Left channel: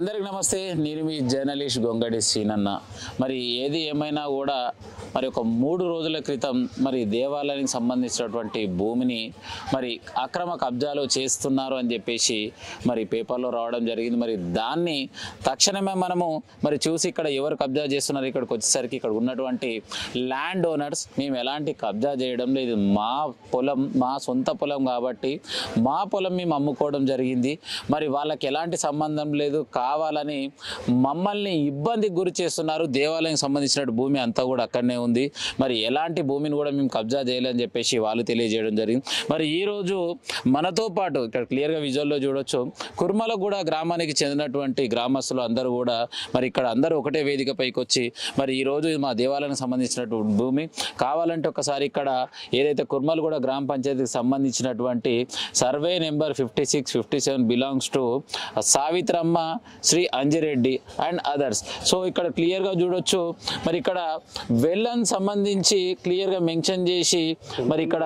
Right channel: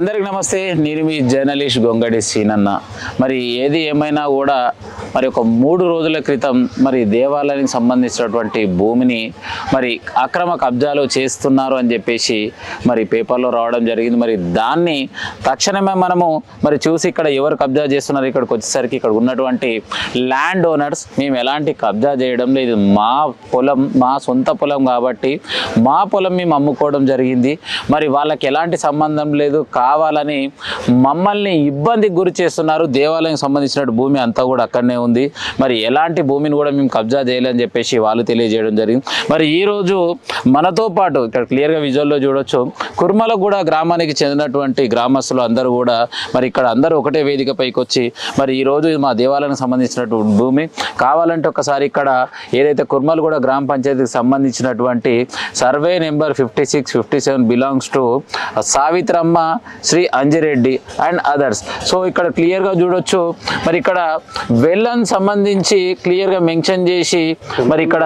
అందరికి నమస్తే. నేను మీ జర్నలిస్ట్ గొంగడి సీనన్న. మరి ఏది ఏమైనా కూడా మరి ఒక 3 రోజుల క్రితం మరి దేవాలయానికి సంబంధించినటువంటి భూమిని మరి అక్రమ కబ్జాలు చేస్తున్నారు అని చెప్పేసి మరి పేపర్లో రావడం జరిగింది. మరి దాన్ని తక్షణమే మనము మరి చూసి ఇక్కడ ఎవరు కబ్జా చేస్తున్నారు, ఇక్కడికి వచ్చేసరికి ఇక్కడ ఉన్నటువంటి ల్యాండ్ ఓనర్స్ మేము ఎలాంటి కబ్జా చేయడం లేదు, మా పొలం మా సొంత పొలం కాబట్టి మా పొలం మేము అమ్ముకోవడం జరిగింది, మరి వాళ్ళకి ఎలాంటి సంబంధం లేదు, కావాలని మమ్మల్ని ఇబ్బందికి గురి చేస్తున్నారు, దేవాలయం సంబంధించిన భూమి అంతా కూడా అక్కడనే ఉంది, మరి ఎలాంటి భూమిని కూడా మేము కబ్జా చేయాలని చెప్పేసి వాళ్ళు తెలియజేయడం జరిగింది. మరి ఈరోజు మనతో పాటు ఇక్కడ క్లియర్గా విజువల్లో చూడొచ్చు, కుర్మలగూడ గ్రామానికి చెందినటువంటి గ్రామస్తులు అందరూ కూడా మరి ఇక్కడ అందరూ ఒకటే వేదిక పైకి వచ్చి మరి ఈరోజు మా దేవాలయానికి సంబంధించినటువంటి భూమి కావాలంటే ఒకసారి ఇక్కడ ఏదైతే కుర్మలగూడ గ్రామ పంచాయతీకి సంబంధించినటువంటి survey number 56-57 belongs to Savitramma Shri Anjireddy and others. So ఇక్కడ క్లియర్గా చూడొచ్చు, మరి ఇక్కడ వెల్లని సంబంధించి క్లియర్గా మెన్షన్ చేసి మరి ఇక్కడ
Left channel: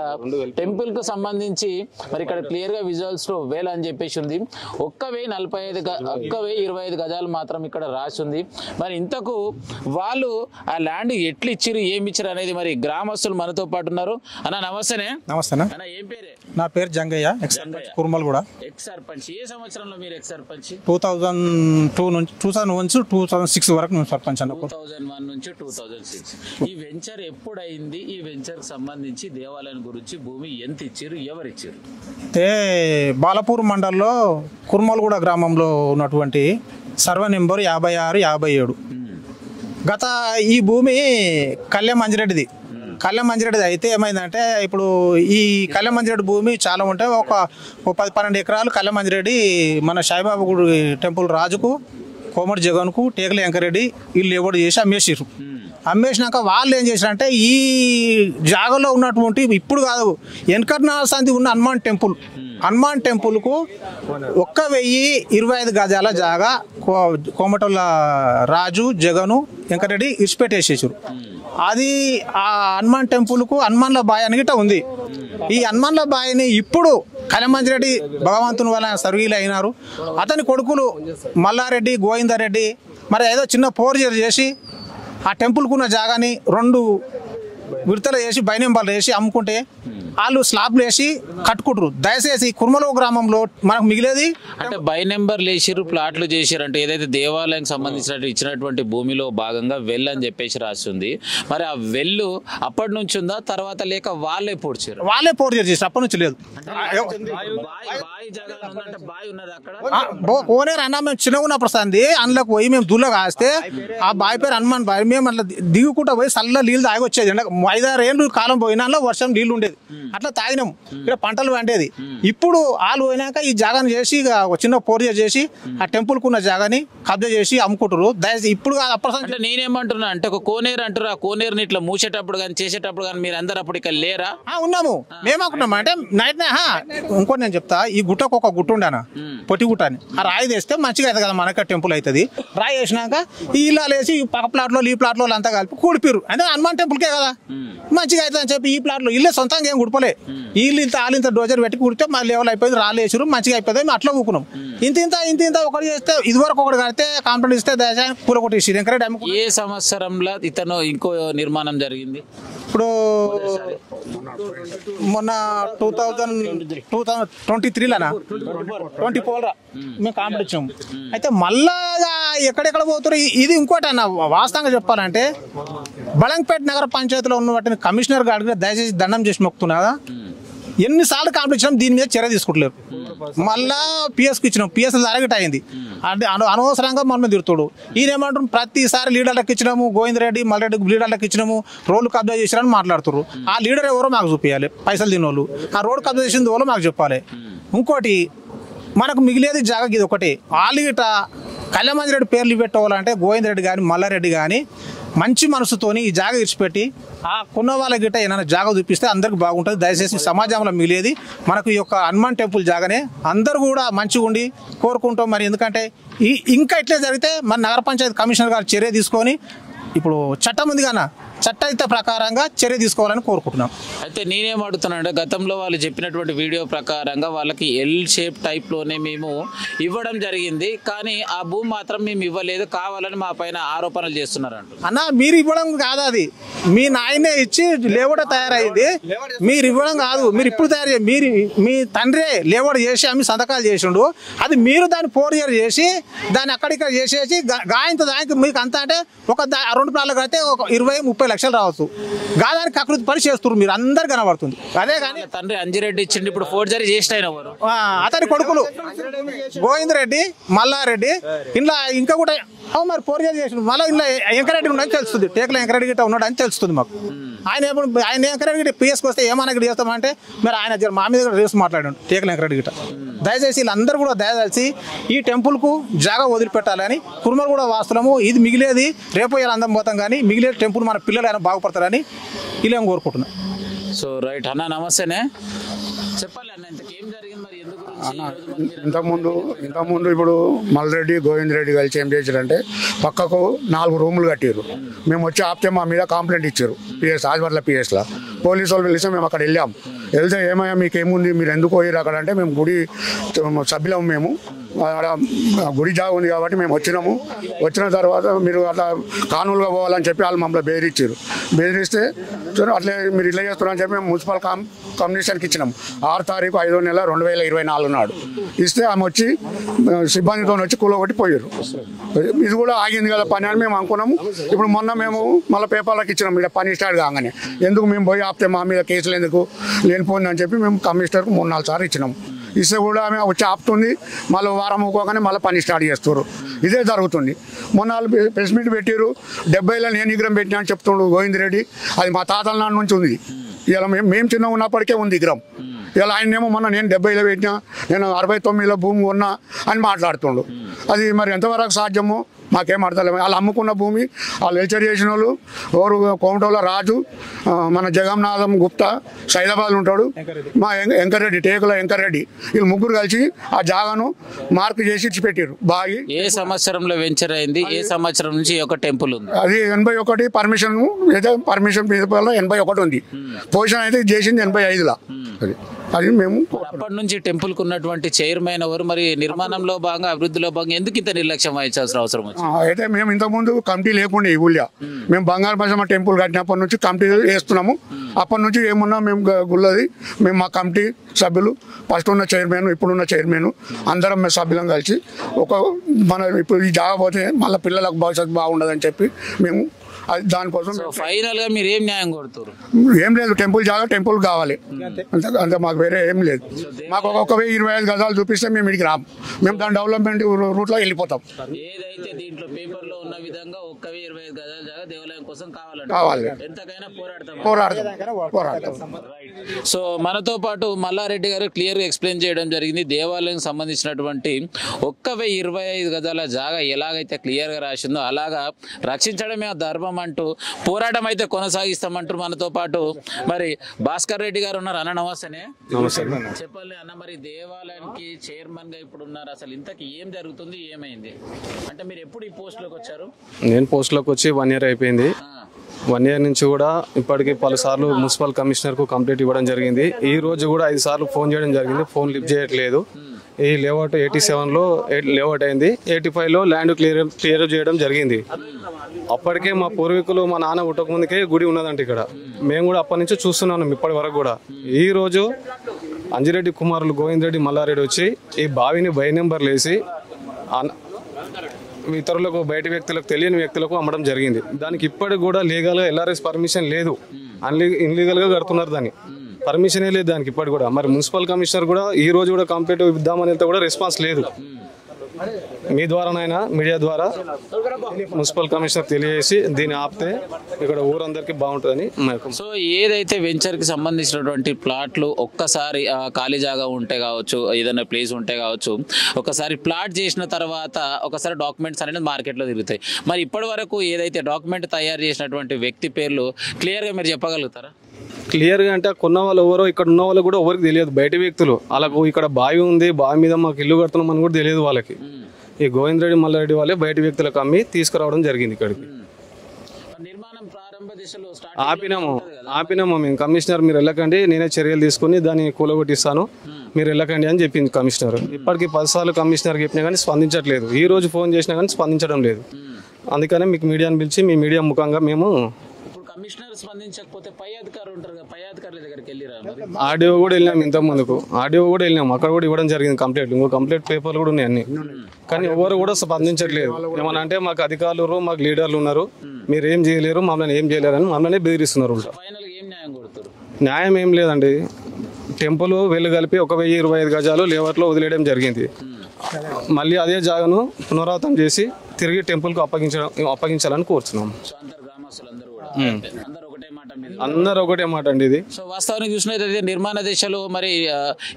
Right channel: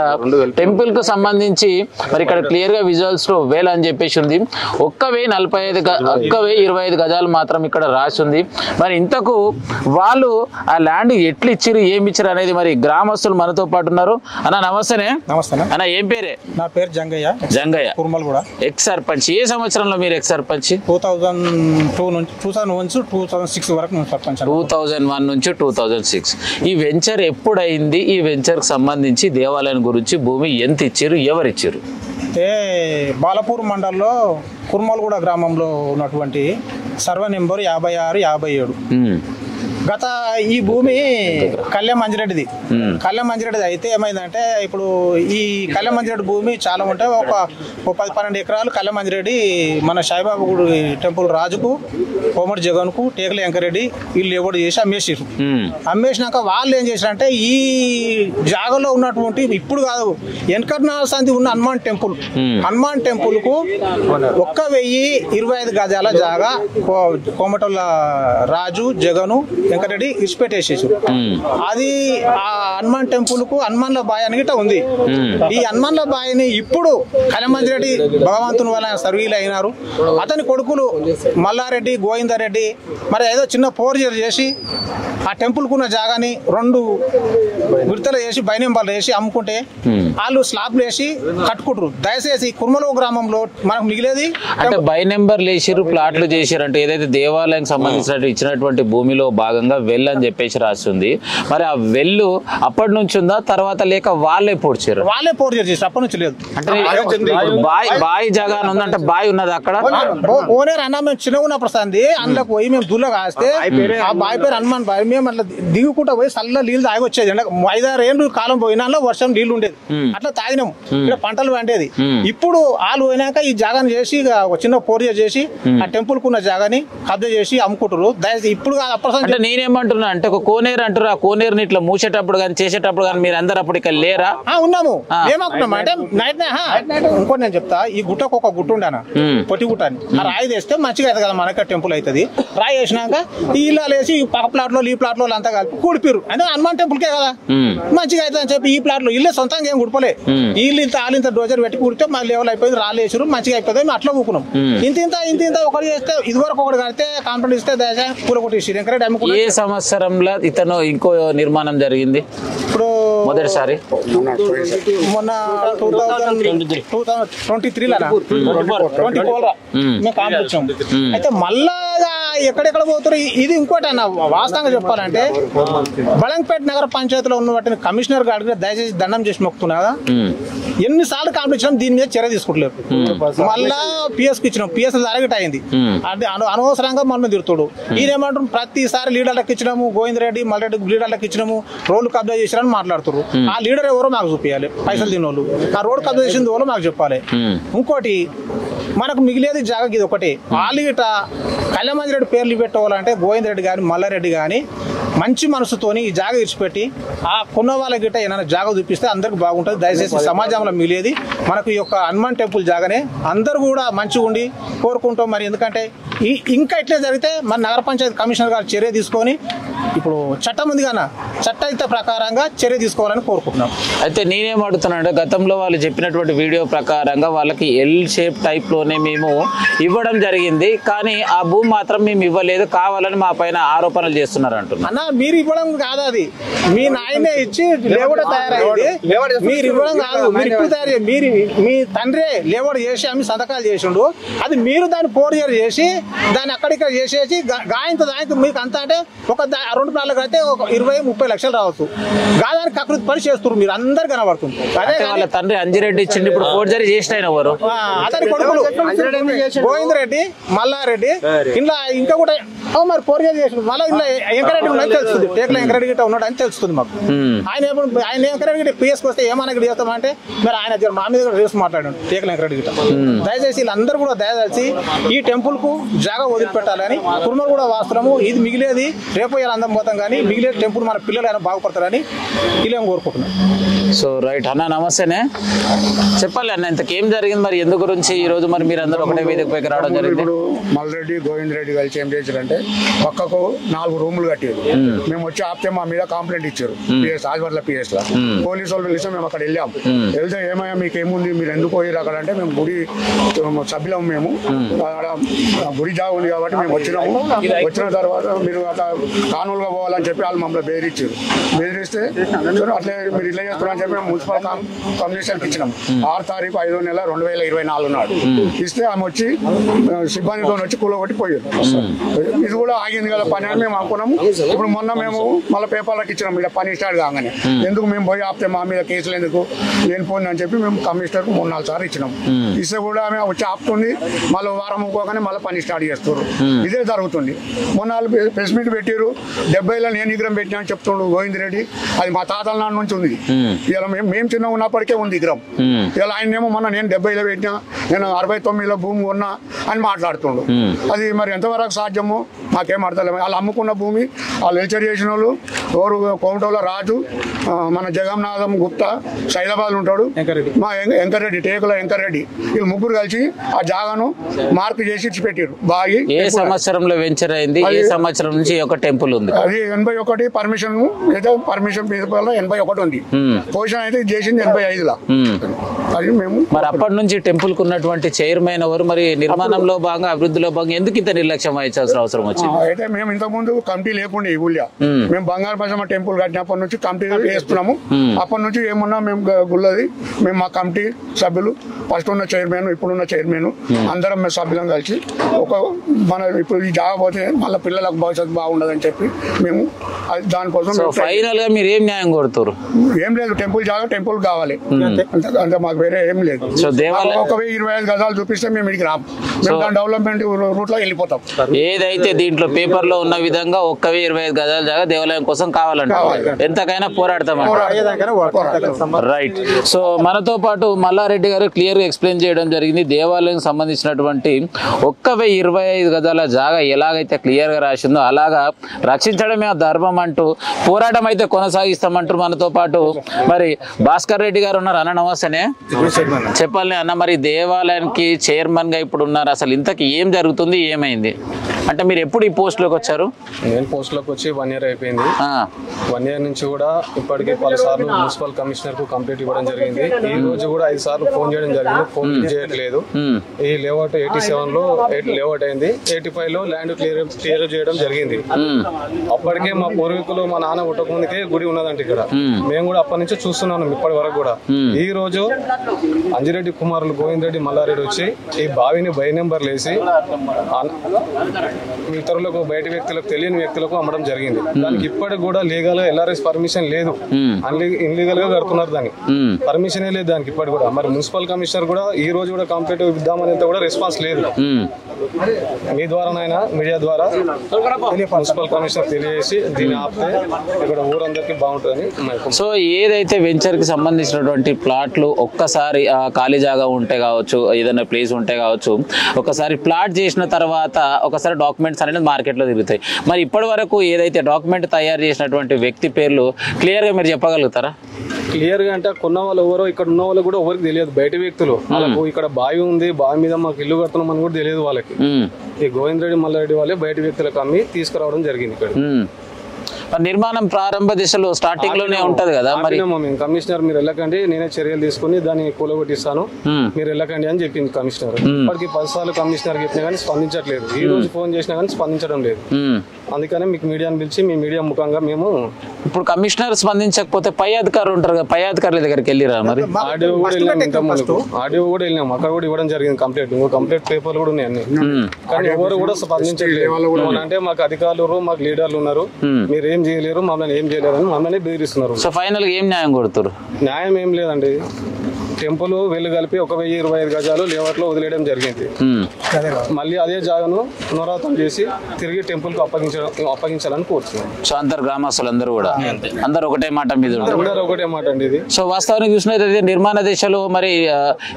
టెంపుల్కు సంబంధించి మరి ఇక్కడ క్లియర్గా విజువల్స్లో వెల్ అని చెప్పేసి ఉంది. 1,025 గజాలు మాత్రం ఇక్కడ రాసి ఉంది. మరి ఇంతకు వాళ్ళు ఆ ల్యాండ్ ఎట్లు ఇచ్చిరు, ఏమి ఇచ్చారు అనేది మరి గ్రామస్తులు మనతో పాటు ఉన్నారు. అన్న నమస్తేనే. నమస్తే అన్న, ఏం పేరే? నా పేరు జంగయ్య. కుర్మలగూడ ఎక్స్ సర్పంచ్. ఏ సంవత్సరంలో మీరు ఎక్స్ సర్పంచ్? 2006 వరకు సర్పంచ్. 2001 నుంచి 2006. ఈ వెంచర్ ఎప్పుడైంది? ఈ వెంచర్ కి సంబంధించి దేవాలయం గురించి భూమి ఎంత ఇచ్చారు, ఎవరు ఇచ్చారు? బాలపూర్ మండలంలో కుర్మలగూడ గ్రామంలో ఉన్నటువంటి సర్వే నెంబర్ 56-57. గత ఈ భూమి కళ్యాణ్ మంజిరెడ్డిది. అయితే ఏమైందంటే ఇప్పుడు ఈ కళ్యాణ్ మంజిరెడ్డి భూమి చాలా ఉంటే ఒక 10-12 ఎకరాలు కళ్యాణ్ మంజిరెడ్డి మన సాయిబాబా గుడి టెంపుల్ రాజుకు, కోమటి జగన్కు, టేకలి వెంకరెడ్డి వీళ్ళు ఎవరు చేసి అమ్మేసారు. అమ్మేసినాక వాళ్ళు ఏం చేశారంటే ఈ జాగాలో ఉన్నటువంటి ఇప్పుడు కాదు వెంకటన సంధి ఉన్న హనుమాన్ టెంపుల్ కు 1,025 గజాల జాగా కోమటల రాజు, జగను, వెంకరెడ్డి ఇచ్చిపెట్టేసేసి అది ఆ హనుమాన్ టెంపుల్ కు హనుమాన్ల బాయ్ అని గిట్ట ఉంది. ఈ హనుమాన్ల బాయ్ని ఇప్పుడు కళ్యాణ్ భగవంతుని వల్ల సర్వీలు అయినారు. అతని కొడుకులు మల్లారెడ్డి, గోవిందరెడ్డి మరి ఏదో చిన్న ఫోర్జరీ చేసి ఆ టెంపుల్ కున్న జాగాని 2 విడతలు వేసి బైనెంబర్లు వేసి అమ్ముకుంటే వాళ్ళు స్లాబ్లు వేసి కట్టుకుంటారు. దయచేసి కుర్మలగూడ గ్రామంలో మనకు మిగిలేది అంటే బైనెంబర్లు వేసిరు, ప్లాట్లు చేసారు. అంటే ఏదైతే దేవాలయానికి సంబంధించిన ఇచ్చినటువంటి భూమిలో భాగంగా వెల్ అని చెప్పేసి రాస్తుంది. మరి ఆ వెల్లు అప్పటి నుంచి ఉందా తర్వాత లేక వాళ్ళే పోడ్చారు? వాళ్ళే పోర్జరీ చేసి అప్పటి నుంచి లేదు. అంటే బాయి జాగా ఉందంటే బాయి ఉన్నది అక్కడ. ఓనేరు అన్న మేము చిన్నగా ఉన్నప్పుడు సంది అందులోకి పోయి మేము దుల్ల కాస్తే ఆ బావి పేరు హనుమాన్ బావి. మేము అట్లా దిగుకుంటా పోయి చల్ల నీళ్ళు తాగి వచ్చేది. 5-6 ఏళ్ళు కాలం పోయినా వర్షం నీళ్లు ఉండేది, అట్లా తాగినాము. ఇక్కడ పంటలు పండేది. ఇప్పుడు వాళ్ళు పోయినాక ఈ జాగాని చేసి ఒక చిన్న పోర్జరీ చేసి ఆ టెంపుల్ కున్న జాగాని కబ్జా చేసి అమ్ముకుంటారు. దయచేసి ఇప్పుడు అంటే నేనేమంటున్నా అంటే ఒక కోనేరు అంటారు, ఆ కోనేరుని ఇట్లా మూసేటప్పుడు కానీ చేసేటప్పుడు కానీ మీరు అందరు అప్పుడు ఇక్కడ లేరా? ఉన్నాము. ఏమనుకున్నాం అంటే నైట్ ఇంకోటి నేను చెప్తా, ఈ గుట్టకు ఒక గుట్ట ఉండేనా పొట్టి గుట్ట అని, ఆ రాయి తెస్తే మంచిగా అవుతుంది కదా మనకి టెంపుల్ అవుతుంది. రాయి వేసినాక ఈ ఇల్లాలు వేసి పక్క ప్లాట్లో ఈ ప్లాట్లో అంతా కలిపి కూడిపిరు. అంటే హనుమాన్ టెంపుల్ కే కదా మంచిగా అవుతుంది అని చెప్పి ఈ ప్లాట్లో ఇల్లే సొంతంగా ఏం గుడిపోలే, వీళ్ళు ఇంత డోజర్ పెట్టి కుడితే మళ్ళీ లెవెల్ అయిపోయింది, రాళ్ళు వేసారు మంచిగా అయిపోయింది. మేము అట్లా ఊకున్నాం. ఇంత ఒకటి చేస్తే ఇదివరకు ఒకటి కడితే కాంప్లైంట్ ఇస్తే దశ పూల కొట్టేసి. ఏ సంవత్సరంలో ఇతను ఇంకో నిర్మాణం జరిగింది? ఇప్పుడు మొదటిసారి మొన్న 2023 మేము కాంపించాం. అయితే మళ్ళా ఎక్కడెక్కడ పోతారు ఇది ఇంకోటి అన్న. వాస్తవంగా చెప్పాలంటే బళంపేట నగర పంచాయతీలో ఉన్న వాటిని కమిషనర్ గారికి దయచేసి దండం చేసి మొక్కుతున్నా. ఎన్నిసార్లు కాంప్లైంట్ ఇచ్చినాం, దీని మీద చర్య తీసుకుంటలేరు. మళ్ళా పిఎస్కి ఇచ్చినాం, పిఎస్ అరగట అయింది. అంటే అనవసరంగా మనం తిరుగుతాడు. ఈయనేమంటారు ప్రతిసారి లీడర్లకు ఇచ్చినాము, గోవిందరెడ్డి మల్రెడ్డి లీడర్లకు ఇచ్చినాము, రోడ్లు కబ్జా చేసిరని మాట్లాడుతారు. ఆ లీడర్ ఎవరో మాకు చూపించాలి, పైసలు తినోళ్ళు. ఆ రోడ్ కబ్జా చేసింది వాళ్ళు మాకు చెప్పాలి. ఇంకోటి మనకు మిగిలేది జాగా ఇది ఒకటి. వాళ్ళు గిట కళ్యాణ్ మంజిరెడ్డి పేర్లు పెట్టవాలంటే గోవిందరెడ్డి కానీ మల్లారెడ్డి కానీ మంచి మనసుతోని ఈ జాగా ఇచ్చిపెట్టి ఆ కొన్న వాళ్ళ గిట్ట ఏమైనా జాగా చూపిస్తే అందరికి బాగుంటుంది. దయచేసి సమాజంలో మిగిలేది మనకు ఈ యొక్క హనుమాన్ టెంపుల్ జాగానే. అందరూ కూడా మంచిగా ఉండి కోరుకుంటాం. మరి ఎందుకంటే ఇంకా ఇట్లే జరిగితే మన నగర పంచాయతీ కమిషనర్ గారు చర్య తీసుకొని ఇప్పుడు చట్టం ఉంది కదా, చట్టహిత ప్రకారంగా చర్య తీసుకోవాలని కోరుకుంటున్నాం. అయితే నేనేం అడుగుతున్నానంటే గతంలో వాళ్ళు చెప్పినటువంటి వీడియో ప్రకారంగా వాళ్ళకి ఎల్ షేప్ టైప్లోనే మేము ఇవ్వడం జరిగింది, కానీ ఆ భూమి మాత్రం మేము ఇవ్వలేదు, కావాలని మా పైన ఆరోపణలు చేస్తున్నారు అంటున్నారు. అన్న మీరు ఇవ్వడం కాదు, అది మీ నాయనే ఇచ్చి లేవడ తయారైంది, మీరు ఇవ్వడం కాదు. మీరు ఇప్పుడు తయారు మీరు మీ తండ్రి లేవడ చేసి అమ్మి సంతకాలు చేసిండు, అది మీరు దాన్ని 4 years చేసి దాన్ని అక్కడిక్కడ చేసేసి గాయంతో దానికి మీకు అంతా అంటే ఒక 2 ప్లాట్లు కడితే ఒక 20-30 లక్షలు రావచ్చు. గాదానికి కకృతి పని చేస్తున్నారు, మీరు అందరు కనబడుతుంది. అదే వాళ్ళ తండ్రి అంజిరెడ్డి ఇచ్చింది, ఇప్పుడు ఫోర్జరీ చేసిన ఎవరు? అతని కొడుకులు గోవింద్ రెడ్డి, మల్లారెడ్డి, ఇలా ఇంకా కూడా మరి 4 years చేసిండు. మళ్ళీ ఇలా ఎంకరెడ్డి ఉన్నది తెలుస్తుంది, టేకుల ఎంకరెడ్డి గిట్ట ఉన్నాడు అని తెలుస్తుంది మాకు. ఆయన ఎంకరెడ్డి గిట్ట పిఎస్కి వస్తే ఏమన్నా గిట్ట చేస్తామంటే మరి ఆయన మా మీద రేసు మాట్లాడాడు టేకుల ఎంకరెడ్డి గిట్ట. దయచేసి వీళ్ళందరూ కూడా దయచేసి ఈ టెంపుల్ కు జాగా వదిలిపెట్టాలని, కుర్మలు కూడా వాస్తున్నాము. ఇది మిగిలేది రేపు ఇలా అందరం పోతాం, కానీ మిగిలే టెంపుల్ మన పిల్లలు అయినా బాగుపడతారని వీళ్ళేం కోరుకుంటున్నాం. సో రైట్ అన్న, నమస్తేనే. చెప్పాలి అన్న, ఇంతకేం జరిగింది మరి, ఎందు గురించి ఈ రోజు మరి మీరు అందరూ ఒకటే వేదిక పైకి రావడం జరిగింది? ఇప్పుడు మల్రెడ్డి గోవింద్ రెడ్డి కలిసి ఏం చేశారంటే పక్కకు 4 రూములు కట్టారు. మేము వచ్చి ఆపితే మా మీద కంప్లైంట్ ఇచ్చారు పిఎస్ ఆదివర్ల పిఎస్ లా. పోలీసు వాళ్ళు పిలిస్తే మేము అక్కడ వెళ్ళాం. వెళ్తే ఏమయ్యా మీకు ఏముంది, మీరు ఎందుకు పోయారు అక్కడ అంటే మేము గుడి సభ్యులం, మేము గుడి జాగా ఉంది కాబట్టి మేము వచ్చినాము. వచ్చిన తర్వాత మీరు అట్లా కానూలుగా పోవాలని చెప్పి వాళ్ళు మమ్మల్ని బెదిరించారు. బెదిరిస్తే అట్లే మీరు ఇలా చేస్తున్నారని చెప్పి మేము మున్సిపల్ కమిషనర్కి ఇచ్చినాం. 6 తారీఖు 5వ నెల 2024 నాడు ఇస్తే ఆమె వచ్చి సిబ్బందితో వచ్చి కూలగొట్టి పోయారు. ఇది కూడా ఆగింది కదా పని అని మేము అనుకున్నాము. ఇప్పుడు మొన్న మేము మళ్ళీ పేపర్లకు ఇచ్చినాం, ఇక్కడ పని స్టార్ట్ కాగానే ఎందుకు మేము పోయి ఆపితే మా మీద కేసులు ఎందుకు లేనిపోయింది అని చెప్పి మేము కమిషనర్కు 3-4 సార్లు ఇచ్చినాం. ఇస్తే కూడా ఆమె వచ్చి ఆపుతుంది, మళ్ళీ వారం ఊకోగానే మళ్ళీ పని స్టార్ట్ చేస్తారు. ఇదే జరుగుతుంది. మొన్న వాళ్ళు ప్రెస్ మీట్ పెట్టారు, 70లో నేను విగ్రహం పెట్టినా అని చెప్తున్నాడు గోవింద్ రెడ్డి. అది మా తాతల నాన్న నుంచి ఉంది. ఇలా మేము చిన్న ఉన్నప్పటికే ఉంది విగ్రహం. ఇలా ఆయనేమో మొన్న నేను 70లో పెట్టినా, నేను 69లో భూమి కొన్నా అని మాట్లాడుతుండు. అది మరి ఎంతవరకు సాధ్యమో నాకేం అర్థలేదు. వాళ్ళు అమ్ముకున్న భూమి వాళ్ళు వెల్చర్ చేసిన వాళ్ళు ఎవరు, కోమటోల రాజు, మన జగన్నాథం గుప్తా, సైదాబాద్ ఉంటాడు, మా వెంకరెడ్డి, టేకుల వెంకరెడ్డి, వీళ్ళు ముగ్గురు కలిసి ఆ జాగాను మార్పు చేసి ఇచ్చిపెట్టారు. బాగి ఏ సంవత్సరంలో వెంచర్ అయింది, ఏ సంవత్సరం నుంచి ఒక టెంపుల్ ఉంది? అది 81 పర్మిషన్ అయితే పర్మిషన్ 81 ఉంది. పొజిషన్ అయితే చేసింది 85లో. అది మేము మరి అప్పటి నుంచి టెంపుల్ కు ఉన్నటువంటి చైర్మన్ ఎవరు, మరి నిర్మాణంలో భాగంగా అభివృద్ధిలో భాగంగా ఎందుకు ఇంత నిర్లక్ష్యం వహించాల్సిన అవసరం వచ్చింది? అయితే మేము ఇంతకుముందు కమిటీ లేకుండా ఈ ఊళ్ళో మేము బంగారు పైసమ్మ టెంపుల్ కట్టినప్పటి నుంచి కమిటీ వేస్తున్నాము. అప్పటి నుంచి ఏమున్నా మేము గుళ్ళది మేము మా కమిటీ సభ్యులు, ఫస్ట్ ఉన్న చైర్మన్, ఇప్పుడున్న చైర్మన్, అందరం మేము సభ్యులం కలిసి మన ఇప్పుడు ఈ జాగా పోతే మళ్ళీ పిల్లలకు భవిష్యత్తు బాగుండదని చెప్పి మేము దానికోసం ఫైనల్ గా మీరు ఏం న్యాయం కోరుతారు? ఏం లేదు, టెంపుల్ జాగా టెంపుల్ కావాలి అంతే, మాకు వేరే ఏం లేదు. ఒక 25 గజాలు చూపిస్తే మేము ఇక్కడికి రాము, మేము దాని డెవలప్మెంట్ రూట్ లో వెళ్ళిపోతాం. ఏదైతే దీంట్లో పేపర్ లో ఉన్న విధంగా 25 గజాల జాగా దేవాలయం కోసం కావాలంటే ఎంతకైనా పోరాడతాం. రైట్. సో మనతో పాటు మల్లారెడ్డి గారు క్లియర్ గా ఎక్స్ప్లెయిన్ చేయడం జరిగింది. దేవాలయం సంబంధించినటువంటి 25 గజాల జాగా ఎలాగైతే క్లియర్ గా రాసిందో అలాగా రక్షించడమే ఆ ధర్మం అంటూ పోరాటం అయితే కొనసాగిస్తామంటారు. మనతో పాటు మరి భాస్కర్ రెడ్డి గారు ఉన్నారు. అన్న నమస్తేనే. చెప్పాలి అన్న, మరి దేవాలయానికి చైర్మన్ గా ఇప్పుడు ఉన్నారు, అసలు ఇంతకి ఏం జరుగుతుంది, ఏమైంది అంటే మీరు ఎప్పుడు ఈ పోస్ట్ లోకి వచ్చారు? నేను పోస్ట్ లోకి వచ్చి 1 year అయిపోయింది. 1 year నుంచి కూడా ఇప్పటికే పలుసార్లు మున్సిపల్ కమిషనర్ కు కంప్లైంట్ ఇవ్వడం జరిగింది. ఈ రోజు కూడా 5 సార్లు ఫోన్ చేయడం జరిగింది, ఫోన్ లిఫ్ట్ చేయట్లేదు. ఈ లేఅవుట్ 87లో లేఅవుట్ అయింది, 85లో ల్యాండ్ క్లియర్ చేయడం జరిగింది. అప్పటికే మా పూర్వీకులు, మా నాన్న పుట్టక ముందుకే గుడి ఉన్నదంటే ఇక్కడ మేము కూడా అప్పటి నుంచి చూస్తున్నాం ఇప్పటి వరకు కూడా. ఈ రోజు అంజిరెడ్డి కుమారులు గోవింద్ రెడ్డి, మల్లారెడ్డి వచ్చి ఈ బావిని బై నెంబర్లు వేసి ఇతరులకు, బయట వ్యక్తులకు, తెలియని వ్యక్తులకు అమ్మడం జరిగింది. దానికి ఇప్పటికి కూడా లీగల్ గా ఎల్ఆర్ఎస్ పర్మిషన్ లేదు, ఇన్లీగల్ గా కడుతున్నారు, దాన్ని పర్మిషన్ లేదు దానికి ఇప్పటికి కూడా. మరి మున్సిపల్ కమిషనర్ కూడా ఈ రోజు కూడా కంప్లైంట్ ఇద్దామని కూడా రెస్పాన్స్ లేదు. మీ ద్వారానైనా మీడియా ద్వారా మున్సిపల్ కమిషనర్ తెలియజేసి దీన్ని ఆపితే ఇక్కడ ఊరందరికీ బాగుంటుందని. సో ఏదైతే వెంచర్ కి సంబంధించినటువంటి ప్లాట్లు ఒక్కసారి ఖాళీ జాగా ఉంటే కావచ్చు, ఏదైనా ప్లేస్ ఉంటే కావచ్చు, ఒకసారి ప్లాట్ చేసిన తర్వాత ఒకసారి డాక్యుమెంట్స్ అనేది మార్కెట్ లో తిరుగుతాయి. మరి ఇప్పటి వరకు ఏదైతే డాక్యుమెంట్ తయారు చేసినటువంటి వ్యక్తి పేర్లు క్లియర్ గా మీరు చెప్పగలుగుతారా? క్లియర్ గా అంటే కొన్న వాళ్ళు ఎవరో, ఇక్కడ ఉన్న వాళ్ళు కూడా ఎవరికి తెలియదు, బయట వ్యక్తులు. వాళ్ళకు ఇక్కడ బావి ఉంది, బావి మీద మాకు ఇల్లు కడుతున్నాం అని కూడా తెలియదు వాళ్ళకి. ఈ గోవింద్ రెడ్డి, మల్లారెడ్డి వాళ్ళే బయట వ్యక్తులకు అమ్మి తీసుకురావడం జరిగింది ఇక్కడ. నిర్మాణం ప్రారంభ దిశలో స్టార్టింగ్ లోనే ఉంటది కదా మరి మేము కమిషనర్ మీరు వెళ్ళకండి నేనే చర్యలు తీసుకుని దాన్ని కూలగొట్టిస్తాను మీరు వెళ్ళకండి అని చెప్పింది కమిషనర్. ఇప్పటికి 10 సార్లు కమిషనర్ చెప్పినా కానీ స్పందించట్లేదు. ఈ రోజు ఫోన్ చేసినా కానీ స్పందించడం లేదు. అందుకనే మీకు మీడియాని పిలిచి మీ మీడియా ముఖంగా మేము ఇప్పుడు కమిషనర్ స్పందించకపోతే పై అధికారులు ఉంటారు కదా, పై అధికారుల దగ్గరికి వెళ్ళిరా మరి? ఆడియో కూడా వెళ్ళాము, ఇంత ముందుకు ఆడియో కూడా వెళ్ళాము, అక్కడ కూడా ఇవ్వడం జరిగింది కంప్లీట్. కంప్లీట్ పేపర్లు కూడా ఉన్నాయి అన్ని. కానీ ఎవరు కూడా స్పందించట్లేదు. అంటే మాకు అధికారులు మాకు లీడర్లు ఉన్నారు, మీరు ఏం చేయలేరు, మమ్మల్ని ఏం చేయలేరు అని మమ్మల్ని బెదిరిస్తున్నారు. సో ఫైనల్ ఏం న్యాయం కొడుతారు? న్యాయం ఏం లేదండి. టెంపుల్ వెళ్ళు కలిపి 1025 గజాలు లేఅవుట్లో వదిలేయడం జరిగింది. మళ్ళీ అదే జాగాను పునరావృతం చేసి తిరిగి టెంపుల్ కు అప్పగించాలని కోరుతున్నాం. సో అందరు గ్రామస్తులందరూ కూడా అందరు ఒకటే మాట మీద ఒకటే మాట అండి ఇది. సో వాస్తవానికి చూసినట్లయితే నిర్మాణ దిశలో మరి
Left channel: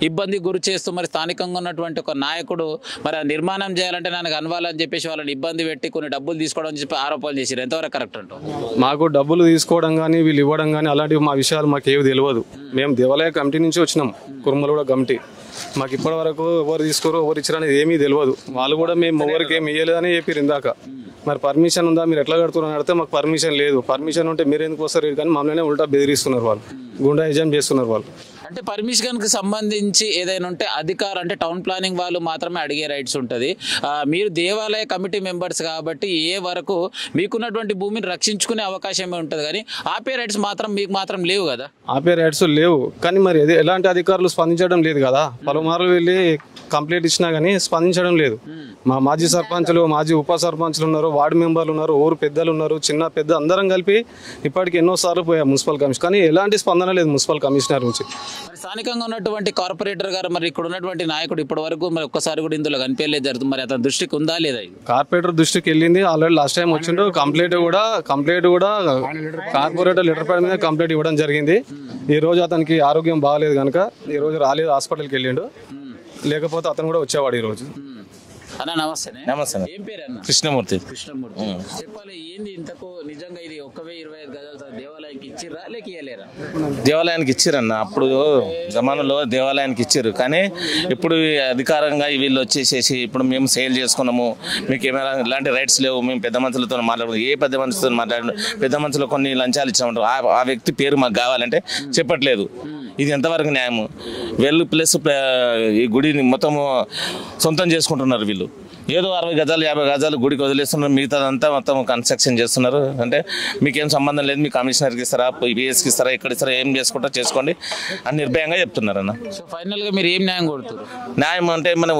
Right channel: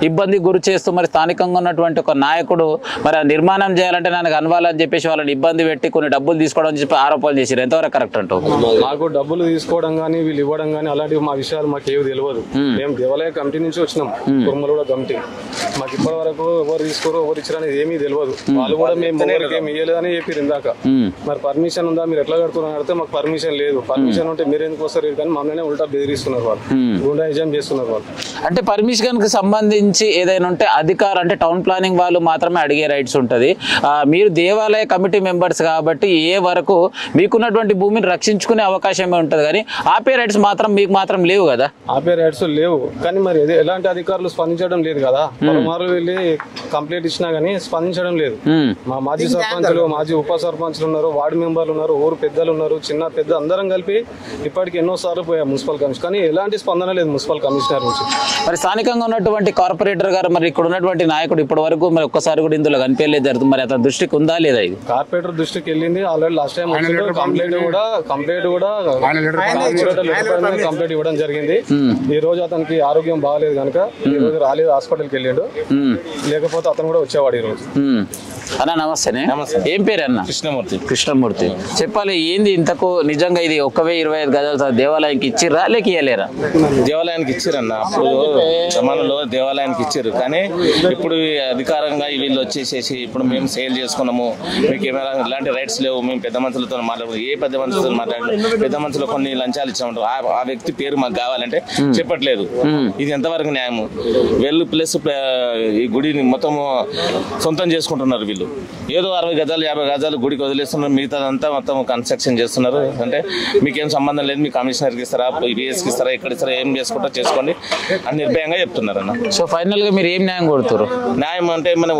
ఇబ్బంది గురి చేస్తూ మరి స్థానికంగా ఉన్నటువంటి ఒక నాయకుడు మరి నిర్మాణం చేయాలంటే నాకు అనవాలని చెప్పేసి వాళ్ళని ఇబ్బంది పెట్టి కొన్ని డబ్బులు తీసుకోవడం చెప్పి ఆరోపణలు చేశారు. ఎంతవరకు కరెక్ట్ అంటావు? మాకు డబ్బులు తీసుకోవడం కానీ వీళ్ళు ఇవ్వడం కానీ అలాంటివి మా విషయాలు మాకు ఏవి తెలియదు. మేము దేవాలయ కమిటీ నుంచి వచ్చినాం, కుర్మలగూడ కమిటీ. మాకు ఇప్పటి వరకు ఎవరు తీసుకోరు ఎవరు ఇచ్చారు అనేది ఏమీ తెలియదు. వాళ్ళు కూడా మేము ఎవరికి ఏమి ఇవ్వలేదని చెప్పారు ఇందాక. మరి పర్మిషన్ ఉందా మీరు ఎట్లా కడుతున్నారు అడిగితే మాకు పర్మిషన్ లేదు. పర్మిషన్ ఉంటే మీరు ఎందుకు వస్తారు కానీ మమ్మల్ని ఉల్టా బెదిరిస్తున్నారు వాళ్ళు, గుండాయిజం చేస్తున్నారు వాళ్ళు. అంటే పర్మిషన్ కి సంబంధించి ఏదైనా ఉంటే అధికారం అంటే టౌన్ ప్లానింగ్ వాళ్ళు మాత్రమే అడిగే రైట్స్ ఉంటది. మీరు దేవాలయ కమిటీ మెంబర్స్ కాబట్టి ఏ వరకు మీకున్నటువంటి భూమిని రక్షించుకునే అవకాశమే ఉంటది, కానీ ఆపే రైట్స్ మాత్రం మీకు మాత్రం లేవు కదా. ఆపే రైట్స్ లేవు కానీ మరి ఎలాంటి అధికారులు స్పందించడం లేదు కదా. పలుమార్లు వెళ్ళి కంప్లైంట్ ఇచ్చినా గానీ స్పందించడం లేదు. మా మాజీ సర్పంచులు, మాజీ ఉప సర్పంచులు ఉన్నారు, వార్డు మెంబర్లు ఉన్నారు, ఊరు పెద్దలు ఉన్నారు, చిన్న పెద్ద అందరం కలిపి ఇప్పటికి ఎన్నో సార్లు పోయాం మున్సిపల్ కమిషన్, కానీ ఎలాంటి స్పందన లేదు మున్సిపల్ కమిషనర్ నుంచి. మరి స్థానికంగా ఉన్నటువంటి కార్పొరేటర్ గారు మరి ఇక్కడ ఉన్నటువంటి నాయకుడు ఇప్పటి వరకు మరి ఒక్కసారి కూడా ఇందులో కనిపించలేదు జరుగుతుంది. మరి అతని దృష్టికి ఉందా లేదా? ఇది కార్పొరేటర్ దృష్టికి వెళ్ళింది ఆల్రెడీ. లాస్ట్ టైం వచ్చిండు కంప్లైంట్ కూడా కార్పొరేటర్ లెటర్ కంప్లైంట్ ఇవ్వడం జరిగింది. ఈ రోజు అతనికి ఆరోగ్యం బాగాలేదు కనుక ఈ రోజు రాలేదు, హాస్పిటల్కి వెళ్ళాడు. లేకపోతే అతను కూడా వచ్చేవాడు ఈ రోజు. అన్న నమస్తే. ఏం పేరు అన్న? కృష్ణమూర్తి. చెప్పాలి ఏంది ఇంతకు నిజంగా ఇది 1025 గజాలు దేవాలయానికి ఇచ్చిర్రా లేక ఇయ్యలేరా? దేవాలయానికి ఇచ్చిరన్న. అప్పుడు జమానులో దేవాలయానికి ఇచ్చారు, కానీ ఇప్పుడు అధికారంగా వీళ్ళు వచ్చేసేసి ఇప్పుడు మేము సేల్ చేసుకున్నాము, మీకు ఏమైనా ఇలాంటి రైట్స్ లేవు, మేము పెద్ద మనుషులతో మాట్లాడు, ఏ పెద్ద మనుషులతో మాట్లాడు, పెద్ద మనుషులు కొన్ని లంచాలు ఇచ్చామంటారు, ఆ వ్యక్తి పేరు మాకు కావాలంటే చెప్పట్లేదు. ఇది ఎంతవరకు న్యాయము? వెళ్ళు ప్లస్ ఈ గుడిని మొత్తము సొంతం చేసుకుంటున్నారు వీళ్ళు. ఏదో 60 గజాలు 50 గజాలు గుడికి వదిలేస్తున్నారు, మిగతాదంతా మొత్తం కన్స్ట్రక్షన్ చేస్తున్నారు. అంటే మీకేం సంబంధం లేదు, మీ కమిషనర్కి ఇస్తారా, పిఎస్కి ఇస్తారా, ఎక్కడ ఇస్తారా, ఏం చేసుకుంటా చేసుకోండి అని నిర్భయంగా చెప్తున్నారు అన్న. సో ఫైనల్ గా మీరు ఏం న్యాయం కొడుతారు? న్యాయం అంటే మన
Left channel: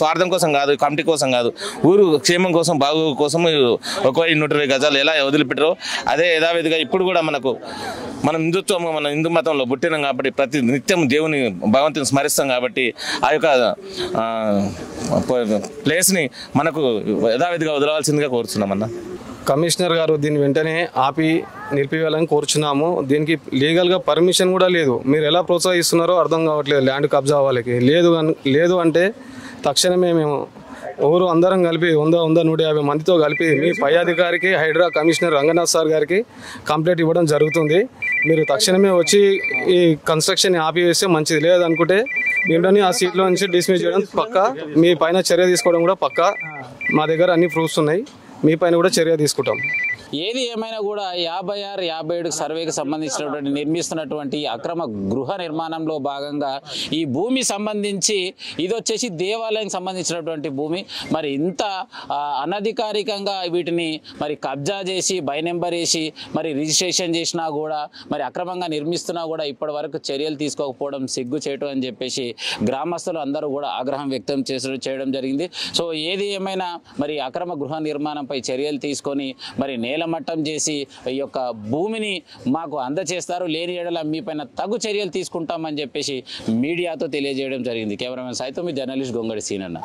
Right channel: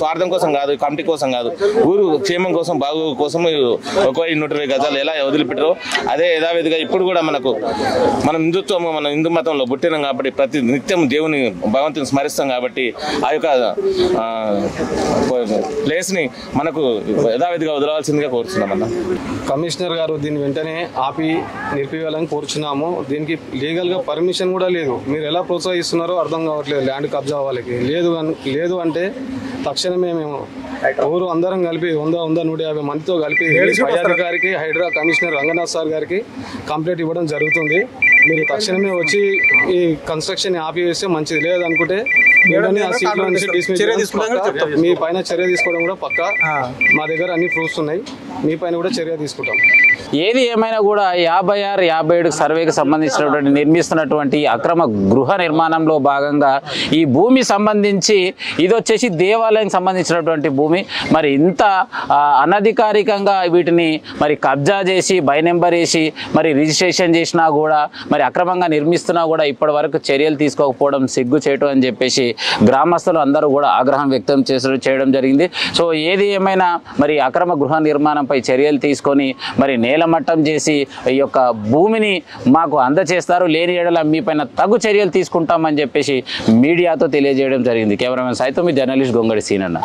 స్వార్థం కోసం కాదు, కమిటీ కోసం కాదు, ఊరు క్షేమం కోసం, బాగు కోసం 120 గజాలు ఎలా వదిలిపెట్టారో అదే యథావిధిగా ఇప్పుడు కూడా మన హిందుత్వం, మన హిందూ మతంలో పుట్టినాం కాబట్టి ప్రతి నిత్యం దేవుని భగవంతుని స్మరిస్తాం కాబట్టి ఆ యొక్క ప్లేస్ ని మనకు యథావిధిగా వదలవలసిందిగా కోరుతున్నామన్నా. కమిషనర్ గారు దీన్ని వెంటనే ఆపి నిలిపివేయాలని కోరుచున్నాము. దీనికి లీగల్ గా పర్మిషన్ కూడా లేదు. మీరు ఎలా ప్రోత్సహిస్తున్నారో అర్థం కావట్లేదు. ల్యాండ్ కబ్జా వాళ్ళకి లేదు అంటే తక్షణమే మేము ఊరు అందరం కలిపి 100-150 మందితో కలిపి పై అధికారికి, హైడ్రా కమిషనర్ రంగనాథ్ సార్ గారికి కంప్లైంట్ ఇవ్వడం జరుగుతుంది. మీరు తక్షణమే వచ్చి ఈ కన్స్ట్రక్షన్ ఆపివేస్తే మంచిది. లేదనుకుంటే మీడని ఆ సీట్లో నుంచి డిస్మిస్ పక్కా, మీ పైన చర్య తీసుకోవడం కూడా పక్కా. మా దగ్గర అన్ని ప్రూఫ్స్ ఉన్నాయి, మీ పైన కూడా చర్య తీసుకుంటాం. ఏది ఏమైనా కూడా 56-57 సర్వేకి సంబంధించినటువంటి నిర్మిస్తున్నటువంటి అక్రమ గృహ నిర్మాణంలో భాగంగా ఈ భూమి సంబంధించి ఇది వచ్చేసి దేవాలయానికి సంబంధించినటువంటి భూమి. మరి ఇంత అనధికారికంగా వీటిని మరి కబ్జా చేసి బై నెంబర్ వేసి మరి రిజిస్ట్రేషన్ చేసినా కూడా మరి అక్రమంగా నిర్మిస్తున్నా కూడా ఇప్పటి వరకు చర్యలు తీసుకోకపోవడం సిగ్గు చేయటం అని చెప్పేసి గ్రామస్తులు అందరూ కూడా ఆగ్రహం వ్యక్తం చేయడం జరిగింది. సో ఏది ఏమైనా మరి అక్రమ గృహ నిర్మాణంపై చర్యలు తీసుకొని మరి నేలమట్టం చేసి ఈ యొక్క భూమిని మాకు అందజేస్తారు, లేని ఏడల మీ పైన తగు చర్యలు తీసుకుంటామని చెప్పేసి మీడియాతో తెలియజేయడం జరిగింది. కెమెరామెన్ సైతం మీ జర్నలిస్ట్ గొంగడి సీనన్న.